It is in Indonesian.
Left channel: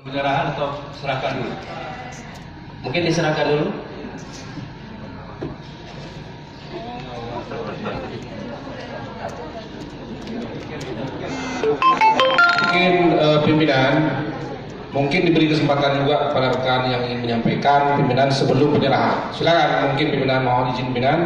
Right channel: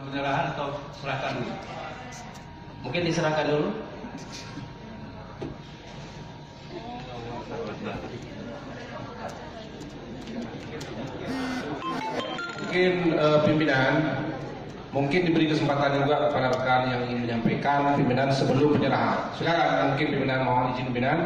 Penyerahan atau serahkan dulu? Mungkin diserahkan dulu. Mungkin pimpinan mungkin diberi kesempatan juga kepada rekan yang ingin menyampaikan pimpinan sebelum penyerahan. Silakan, mungkin pimpinan mohon izin pimpinan.